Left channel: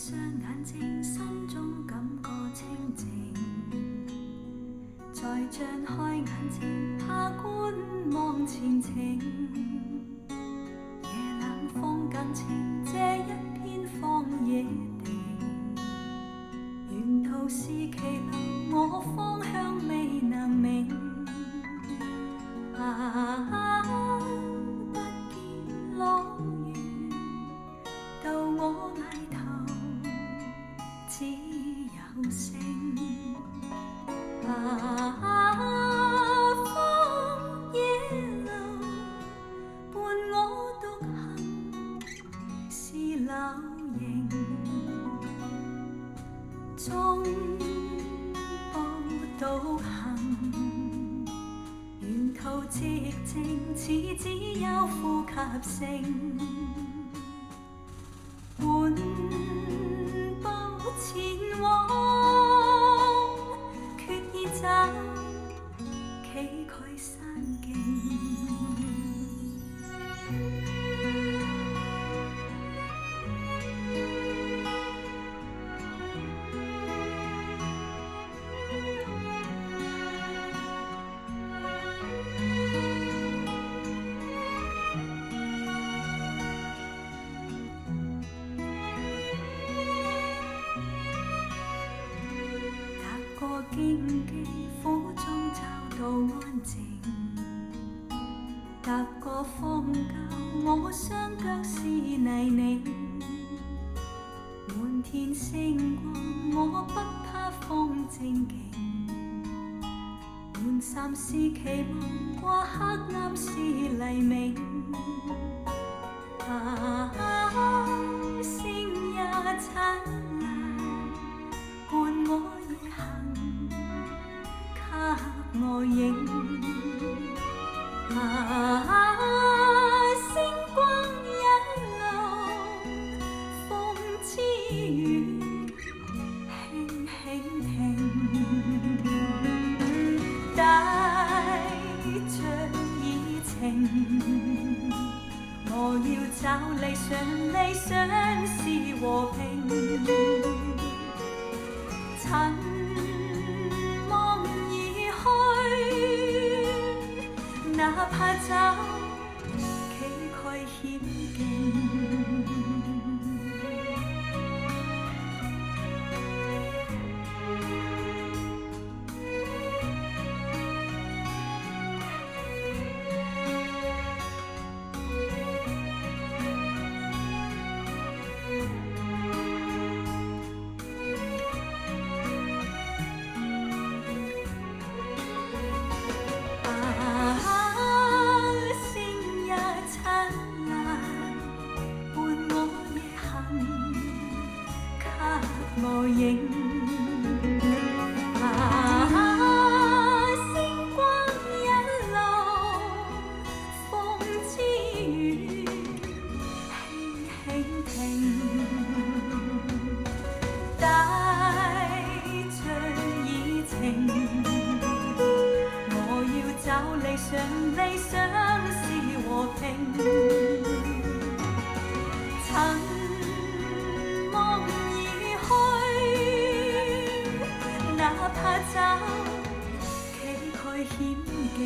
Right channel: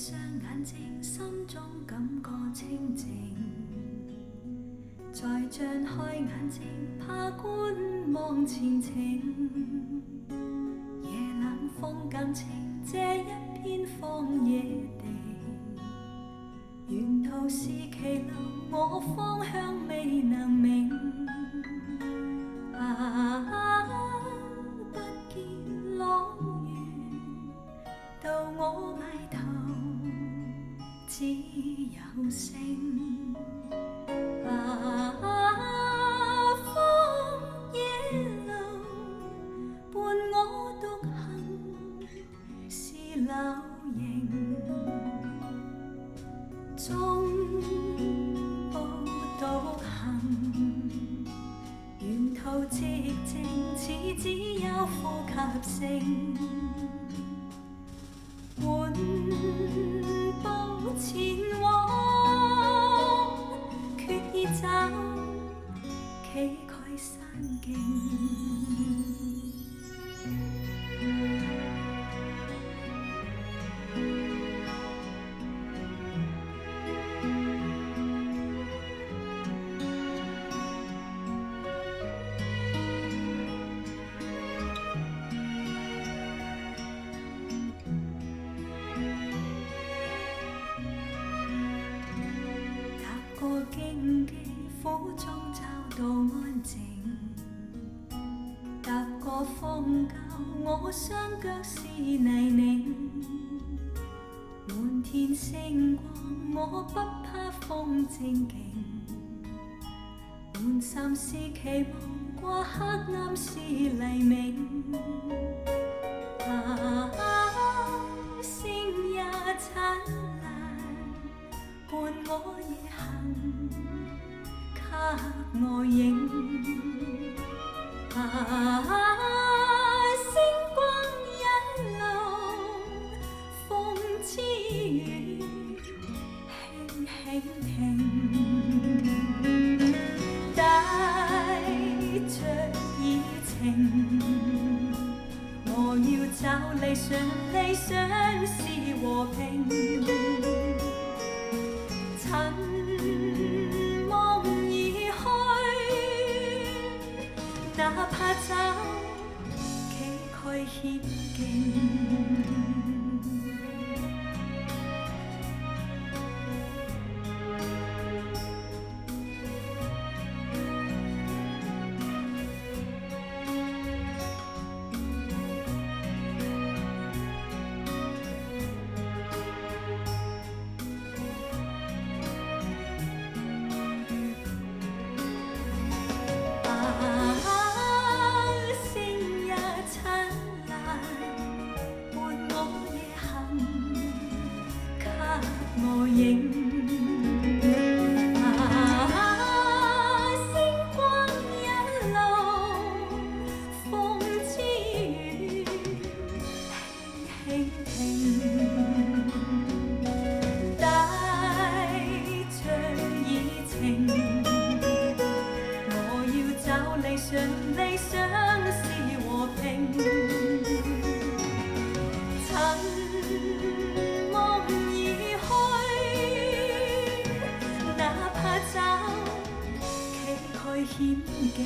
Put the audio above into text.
上眼睛，心中感覺清靜。再張開眼睛，怕觀望前程。夜冷風緊清，這一片荒野地。沿途是歧路，我方向未能明。不見朗月，到我埋頭只有星。荒野路伴我獨行，是柳營。中步獨行，沿途寂靜，似只有呼吸聲。緩步前往，決意找崎嶇山徑。過荊棘苦中找到安靜，踏過荒郊，我雙腳是泥濘。滿天星光，我不怕風正勁。滿山是期望，過黑暗是黎明。星也燦爛，伴我逆行，給我影。星光引路，風之餘輕輕停，帶着熱情。我要找理想，理想是和平。塵夢而去，哪怕找崎嶇險徑。星也燦爛，伴我逆行，給我影。星光引路，風之餘輕輕停，帶着熱情。找理想，理想是和平。塵夢而去，哪怕找崎嶇險徑。